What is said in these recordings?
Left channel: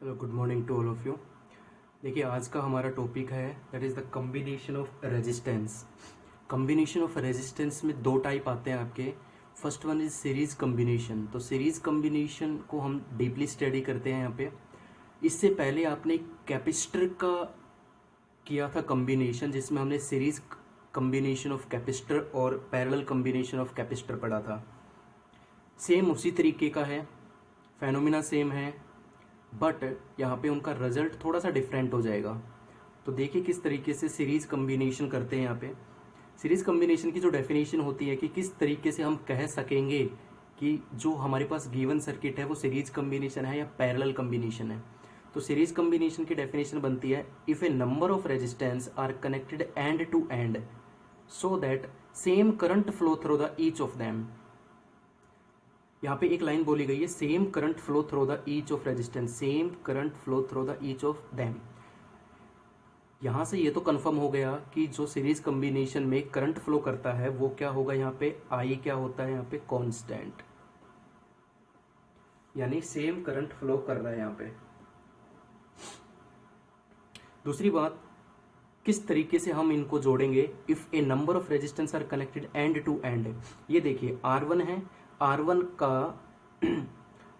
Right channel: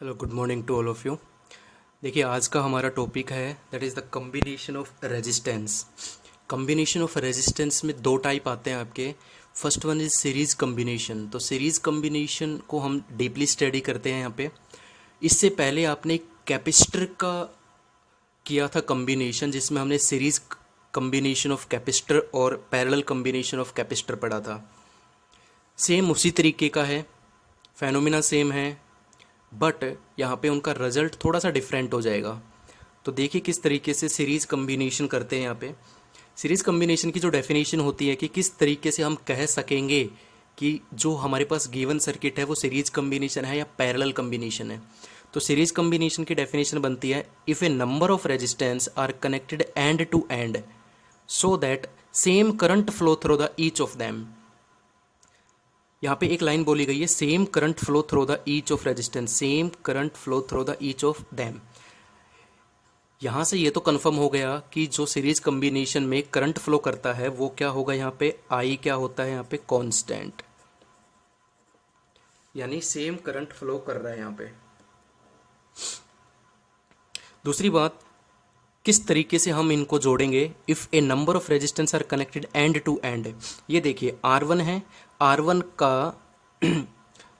Hello, good morning to all of you. देखिए, आज का हमारा टॉपिक है that is the combination of resistance. Combination of resistance में दो टाइप आते हैं आपके। First one is series combination. तो सीरीज़ कम्बिनेशन को हम डीपली स्टडी करते हैं यहाँ पे। इससे पहले आपने कैपेसिटर का किया था कम्बिनेशन, जिसमें हमने सीरीज़ कम्बिनेशन ऑफ कैपेसिटर और पैरेलल कम्बिनेशन ऑफ कैपेसिटर पढ़ा था। सेम उसी तरीके का है, फेनोमेना सेम है, बट यहाँ पे उनका रिजल्ट थोड़ा सा डिफरेंट हो जाएगा। तो देखिए किस तरीके से सीरीज़ कम्बिनेशन करते हैं यहाँ पे। सीरीज़ कम्बिनेशन की जो डेफिनेशन होती है कि किस तरीके से हम कह सकेंगे कि जो हमारे पास गिवन सर्किट है वो सीरीज़ कम्बिनेशन है या पैरेलल कम्बिनेशन है। तो सीरीज़ कम्बिनेशन की डेफिनेशन बनती है, if a number of resistance are connected end to end so that same current flow through the each of them. यहाँ पे एक लाइन बोली गई है, same current flow through the each of resistance, same current flow through the each of them. यहाँ से ये तो कंफर्म हो गया कि जो सीरीज कम्बिनेशन में करंट फ्लो करता है वो क्या होगा, यहाँ पे आई क्या होता है, यहाँ पे कांस्टेंट, यानी सेम करंट फ्लो कर रहा है यहाँ पे। दूसरी बात, किस तरीके से हम इनको जोड़ेंगे, if a number of resistance are connected end to end. ये देखिए R1 है, R1 का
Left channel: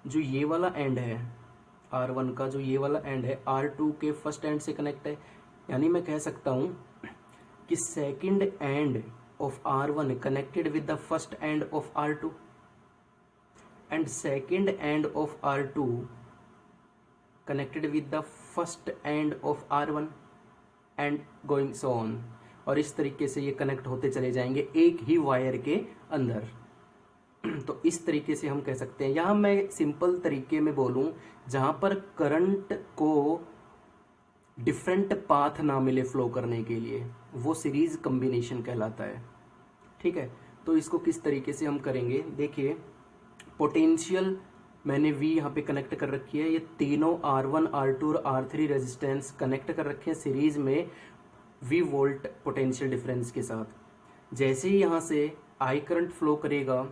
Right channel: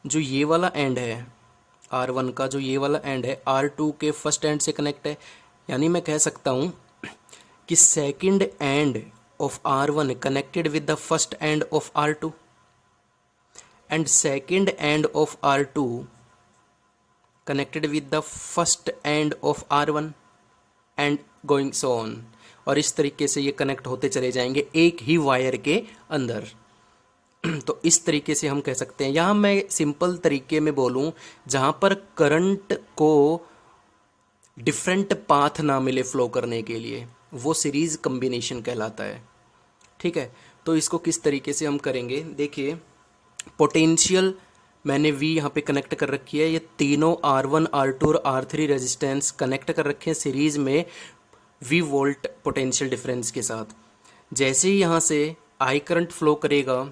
जो ये वाला एंड है, R1 का जो ये वाला एंड है R2 के फर्स्ट एंड से कनेक्ट है। यानी मैं कह सकता हूँ कि second end of R1 connected with the first end of R2 and second end of R2 connected with the first end of R1 and going so on. और इस तरीके से ये कनेक्ट होते चले जाएंगे एक ही वायर के अंदर। तो इस तरीके से हम कह सकते हैं। यहाँ मैं सिंपल तरीके में बोलूँ, जहाँ पर करंट को डिफरेंट पाथ ना मिले फ्लो करने के लिए, वो सीरीज कम्बिनेशन कहलाता है। ठीक है, तो इसको किस तरीके से हम करेंगे, देखिए पोटेंशियल मैंने V यहाँ पे कनेक्ट कर रखी है, ये तीनों R1 R2 और R3 रेजिस्टेंस कनेक्ट कर रखे हैं सीरीज़ में V वोल्ट पोटेंशियल डिफरेंस के साथ। जैसे ही यहाँ से I करंट फ्लो करेगा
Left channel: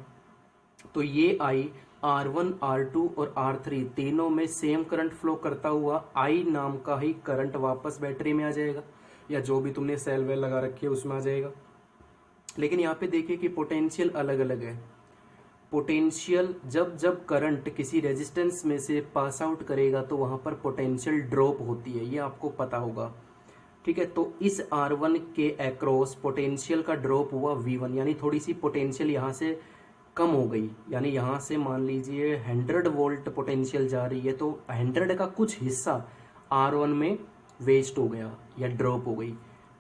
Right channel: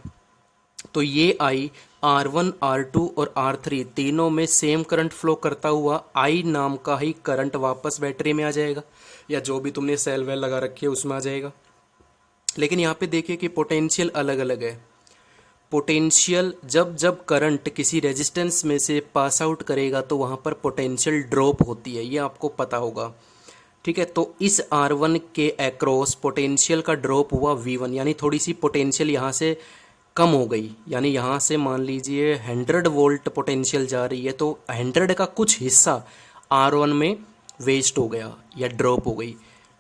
तो ये I R1 R2 और R3 तीनों में सेम करंट फ्लो करता हुआ I नाम का ही करंट वापस बैटरी में आ जाएगा, या जो भी तुमने सेल वेल लगा रखी है उसमें आ जाएगा। लेकिन यहाँ पे देखिए कि पोटेंशियल अलग अलग है। पोटेंशियल जब जब करंट किसी रेजिस्टेंस में से पास आउट करेगा तो वहाँ पर पोटेंशियल ड्रॉप होती है, ये आपको पता होगा। ठीक है, तो इस R1 के अक्रॉस पोटेंशियल का ड्रॉप हुआ V1, यानी थोड़ी सी पोटेंशियल यहाँ से कम हो गई। यानी यहाँ से मान लीजिए 100 वोल्ट पोटेंशियल जा रही है, तो 100 का कुछ हिस्सा R1 में वेस्ट हो गया या ड्रॉप हो गई।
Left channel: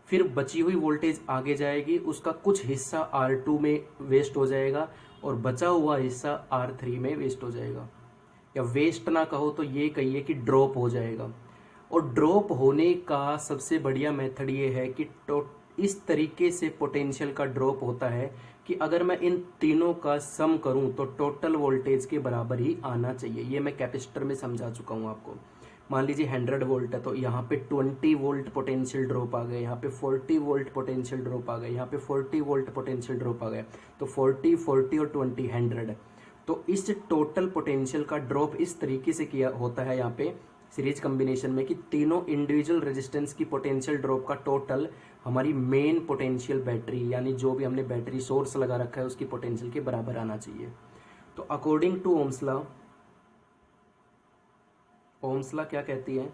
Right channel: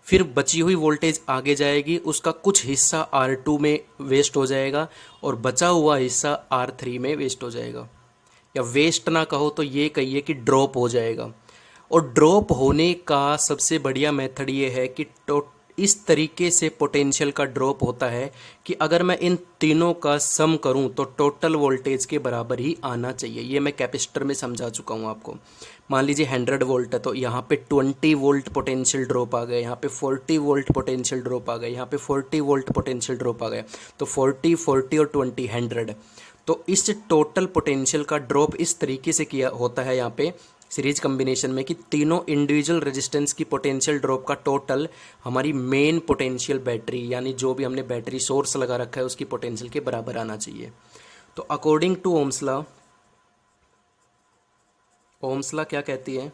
फिर बची हुई वोल्टेज आगे जाएगी, उसका कुछ हिस्सा R2 में वेस्ट हो जाएगा और बचा हुआ हिस्सा R3 में वेस्ट हो जाएगा। या वेस्ट ना कहो तो ये कहिए कि ड्रॉप हो जाएगा। और ड्रॉप होने का सबसे बढ़िया मेथड ये है कि इस तरीके से पोटेंशियल का ड्रॉप होता है कि अगर मैं इन तीनों का सम करूं तो टोटल वोल्टेज के बराबर ही आना चाहिए। ये मैं कैपेसिटर में समझा चुका हूं आपको। मान लीजिए 100 वोल्ट है तो यहाँ पे 20 वोल्ट पोटेंशियल ड्रॉप आ गए, यहाँ पे 40 वोल्ट पोटेंशियल ड्रॉप आ गए, यहाँ पे 40 वोल्ट पोटेंशियल ड्रॉप आ गए। तो 40 40 और 20 100। तो इस टोटल पोटेंशियल का ड्रॉप इस तरीके से किया होता है यहाँ पे सीरीज कम्बिनेशन में कि तीनों इंडिविजुअल रेजिस्टेंस की पोटेंशियल ड्रॉप का टोटल हमारी मेन पोटेंशियल बैटरी, यानी जो भी हमने बैटरी सोर्स लगा रखा है उसकी पोटेंशियल के बराबर आना चाहिए। तो according to Ohm's law, Ohm's law क्या कहती है,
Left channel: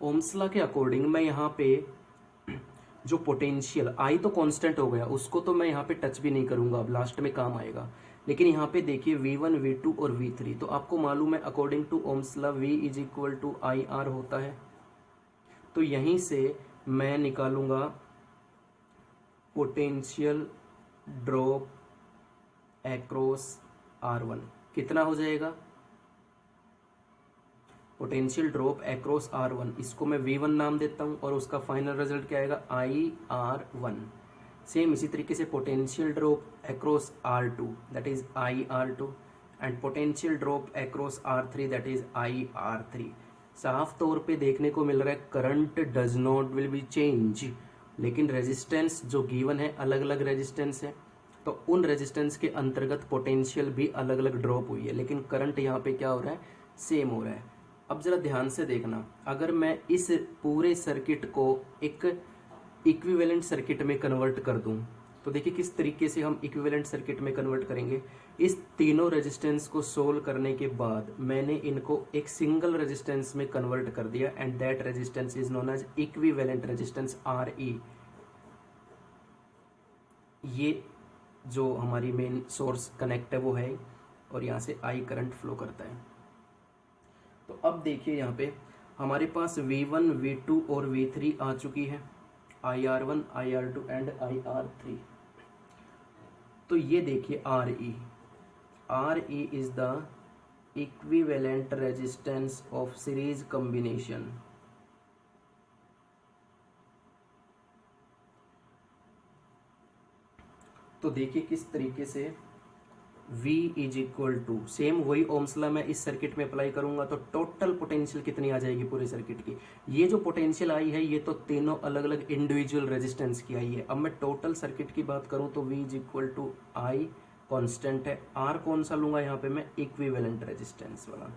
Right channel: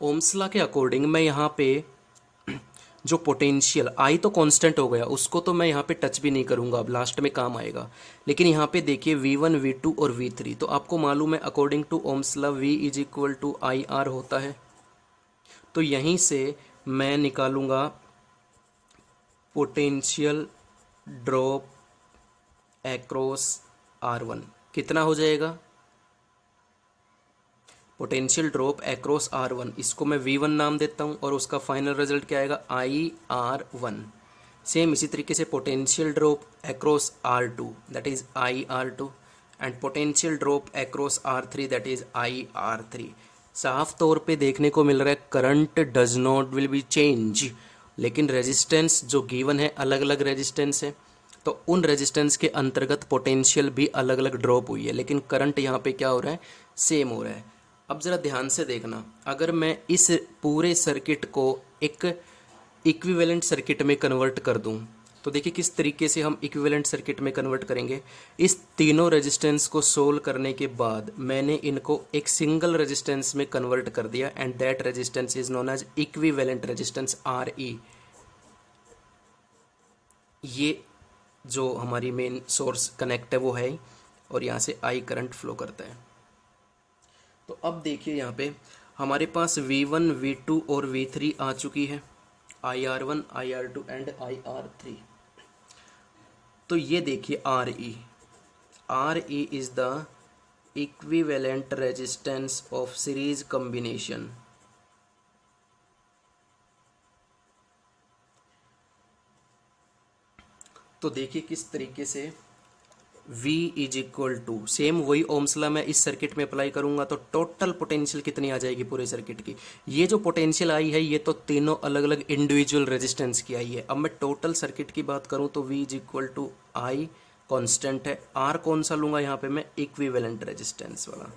ओम्स लॉ के अकॉर्डिंग मैं यहाँ पे जो पोटेंशियल आई तो कांस्टेंट हो गया, उसको तो मैं यहाँ पे टच भी नहीं करूँगा, अब लास्ट में काम आएगा। लेकिन यहाँ पे देखिए V1 V2 और V3, तो आपको मालूम है according to Ohm's law V is equal to IR होता है। तो यहीं से मैं निकालूंगा पोटेंशियल ड्रॉप एक्रॉस R1 कितना हो जाएगा, पोटेंशियल ड्रॉप एक्रॉस R1, इसको मैं V1 नाम देता हूँ और उसका फाइनल रिजल्ट क्या आएगा IR1। सेम इसी तरीके से potential drop across R2 that is IR2 and potential drop across R3 that is IR3। साफ तौर पे देखने को मिल रहा है current does not will be change, लेकिन रेजिस्टेंस जो गिवन है अलग अलग रेजिस्टेंस है, तो उन रेजिस्टेंस के अंतर्गत पोटेंशियल भी अलग अलग ड्रॉप हुई है, लेकिन करंट यहाँ पे क्या हो रहा है, सेम हो रहा है। अब ज़रा ध्यान से देखना, अगर मैं इस पूरे सर्किट को एक इक्विवेलेंट सर्किट में कन्वर्ट कर दूं, तो देखिए किस तरीके से हम इक्विवेलेंट सर्किट में कन्वर्ट करेंगे। इस तीनों रेजिस्टेंस को सोल्व करने के बाद मैंने इनको एक सिंगल रेजिस्टेंस में कन्वर्ट कर दिया, and that resistance is known as equivalent resistance R E. ये जो हमारी मेन सोर्स कनेक्ट है वो है, और यहाँ से आई करंट फ्लो करता है। तो अब देखिए यहाँ पे हमारे पास V1, V2 और V3 आ चुकी है, IR1, IR2 एंड IR3। तो ये देखिए R E is the equivalent resistance of series combination. तो देखिए किस तरीके से V is equal to same वही ओम्स लॉ मैं इस सर्किट में अप्लाई करूंगा, तो टोटल पोटेंशियल कितनी आ जाएगी पूरे सर्किट की। ये जो पोटेंशियल आई है ये तो तीनों अलग अलग इंडिविजुअल रेजिस्टेंस की आई है। अब मैं टोटल सर्किट की बात करूं तो V is equal to I constant है, R कौन सा लूंगा यहाँ पे मैं, इक्विवेलेंट रेजिस्टेंस वाला।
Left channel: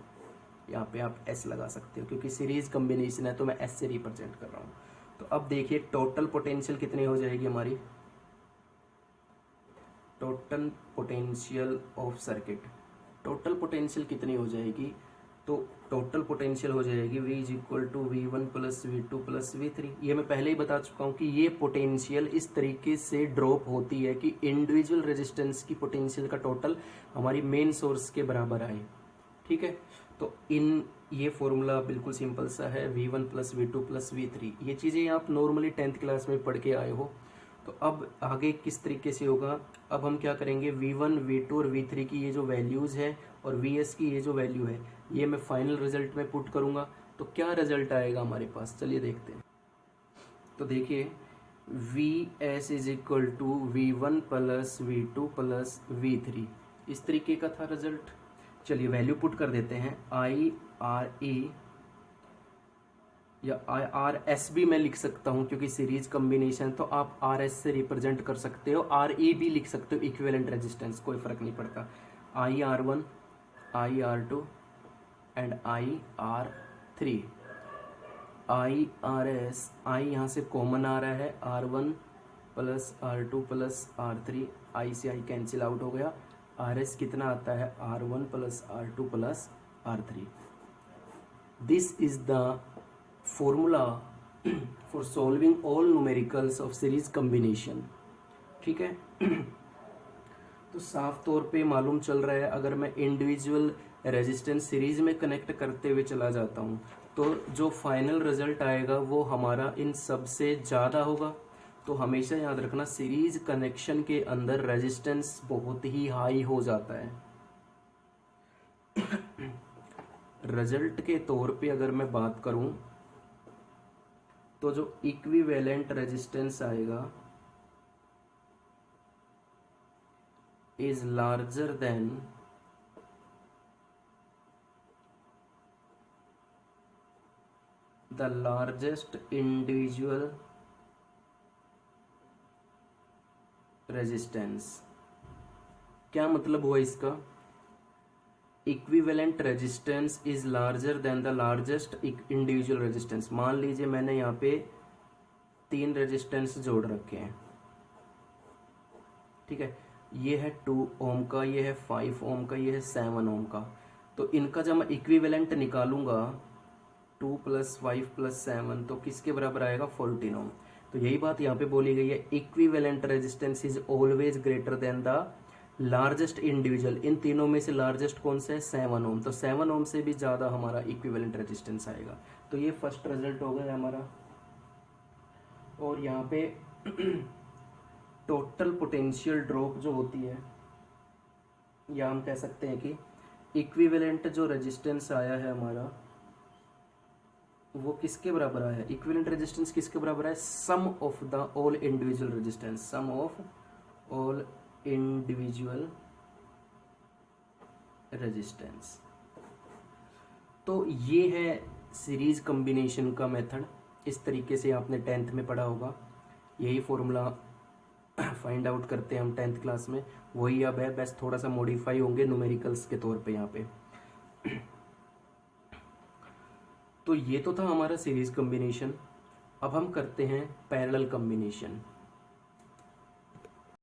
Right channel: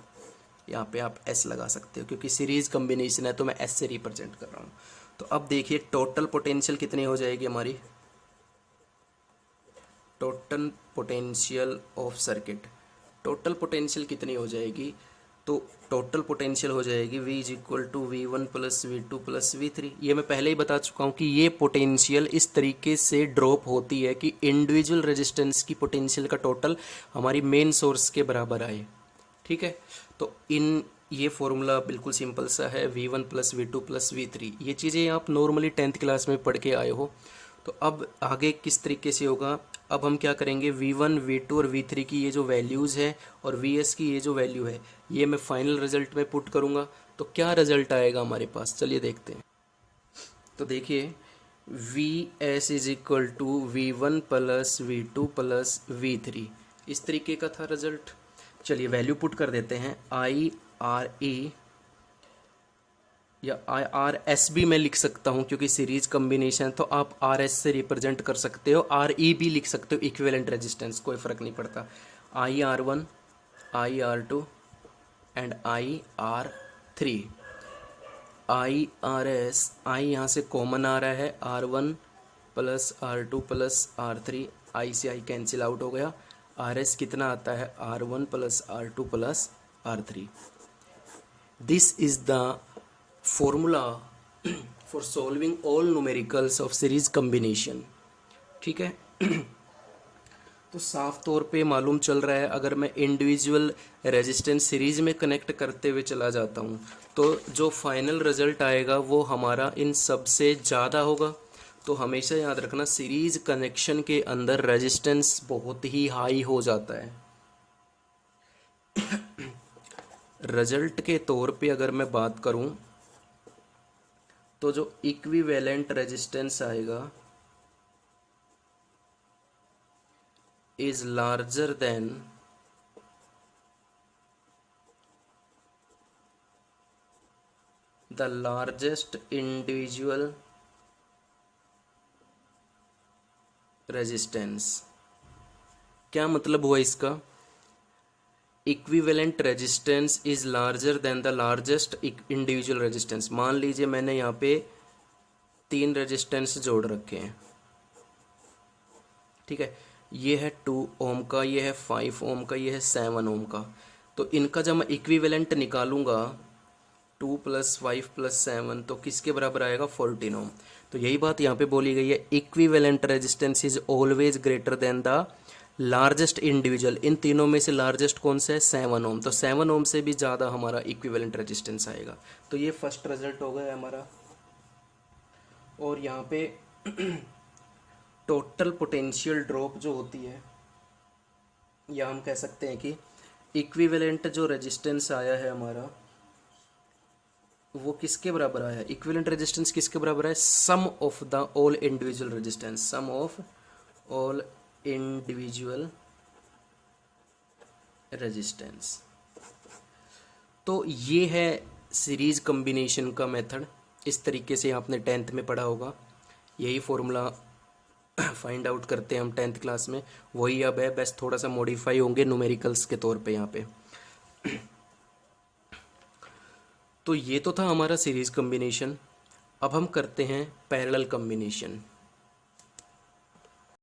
यहाँ पे आप S लगा सकते हो क्योंकि सीरीज कॉम्बिनेशन है तो मैं S से रिप्रेजेंट कर रहा हूँ। तो अब देखिए टोटल पोटेंशियल कितनी हो जाएगी हमारी, total potential of circuit, total potential कितनी हो जाएगी, तो टोटल पोटेंशियल हो जाएगी V is equal to V1 plus V2 plus V3। ये मैं पहले ही बता चुका हूँ कि ये पोटेंशियल इस तरीके से ड्रॉप होती है कि इंडिविजुअल रेजिस्टेंस की पोटेंशियल का टोटल हमारी मेन सोर्स के बराबर आए। ठीक है, तो ये फॉर्मूला बिल्कुल सिंपल सा है, V1 plus V2 plus V3। ये चीज़ें आप नॉर्मली 10th क्लास में पढ़ के आए हो। तो अब आगे किस तरीके से होगा, अब हम क्या करेंगे, V1, V2 और V3 की ये जो वैल्यूज़ है और Vs की ये जो वैल्यू है ये मैं फाइनल रिजल्ट में पुट करूँगा। तो क्या रिजल्ट आएगा हमारे पास, चलिए देखते हैं। तो देखिए Vs is equal to V1 plus V2 plus V3, इस तरीके का था रिजल्ट। चलिए वैल्यू पुट कर देते हैं, IRE या IRS भी मैं लिख सकता हूँ क्योंकि सीरीज कॉम्बिनेशन, तो आप RS से रिप्रेजेंट कर सकते हो, RE भी लिख सकते हो, इक्विवेलेंट रेजिस्टेंस कोई फ़र्क नहीं पड़ता। IR1, IR2 and IR3। IRS, I यहाँ से कॉमन आ रहा है, R1 plus R2 plus R3, I से I कैंसिल आउट हो गया। RS कितना आता है, R1 plus R2 plus R3। This is the formula for solving all numericals of series combination. ठीक है, तो साफ तौर पे मालूम चल रहा है अगर मैं इंडिविजुअल रेजिस्टेंस सीरीज में कनेक्ट करते हुए चला जाता हूँ तो जो फाइनल रिजल्ट आएगा वो हमारा इन सब से ज़्यादा होगा। तो हमेशा याद रखना सीरीज कनेक्शन के अंदर रेजिस्टेंस बहुत ही हाई हो जाता है। रिजल्ट के तौर पे अगर मैं बात करूं तो जो इक्विवेलेंट रेजिस्टेंस आएगा is larger than the largest individual resistance. क्या मतलब हुआ इसका, equivalent resistance is larger than the largest individual resistance. मान लीजिए मैंने यहाँ पे 3 रेजिस्टेंस जोड़ रखे हैं, ठीक है, ये है 2 ओम का, ये है 5 ओम का, ये है 7 ओम का। तो इनका जब मैं इक्विवेलेंट निकालूंगा 2 प्लस 5 प्लस 7 तो किसके बराबर आएगा, 14 ओम। तो यही बात यहाँ पे बोली गई है, equivalent resistance is always greater than the largest individual. इन तीनों में से लार्जेस्ट कौन सा है, 7 ओम। तो 7 ओम से भी ज़्यादा हमारा इक्विवेलेंट रेजिस्टेंस आएगा। तो ये फर्स्ट रिजल्ट हो गया हमारा। और यहाँ पे टोटल पोटेंशियल ड्रॉप जो होती है, या हम कह सकते हैं कि इक्विवेलेंट जो रेजिस्टेंस आया है हमारा वो किसके बराबर आया है, इक्विवेलेंट रेजिस्टेंस किसके बराबर है, sum of the all individual resistance, sum of all individual resistance. तो ये है सीरीज कॉम्बिनेशन का मेथड, इस तरीके से आपने 10th में पढ़ा होगा। यही फॉर्मूला फाइंड आउट करते हैं हम 10th क्लास में, वही अब है, बस थोड़ा सा मॉडिफाई होंगे न्यूमेरिकल्स के तौर पे यहाँ पे। तो ये तो था हमारा सीरीज़ कम्बिनेशन। अब हम करते हैं पैरेलल कम्बिनेशन।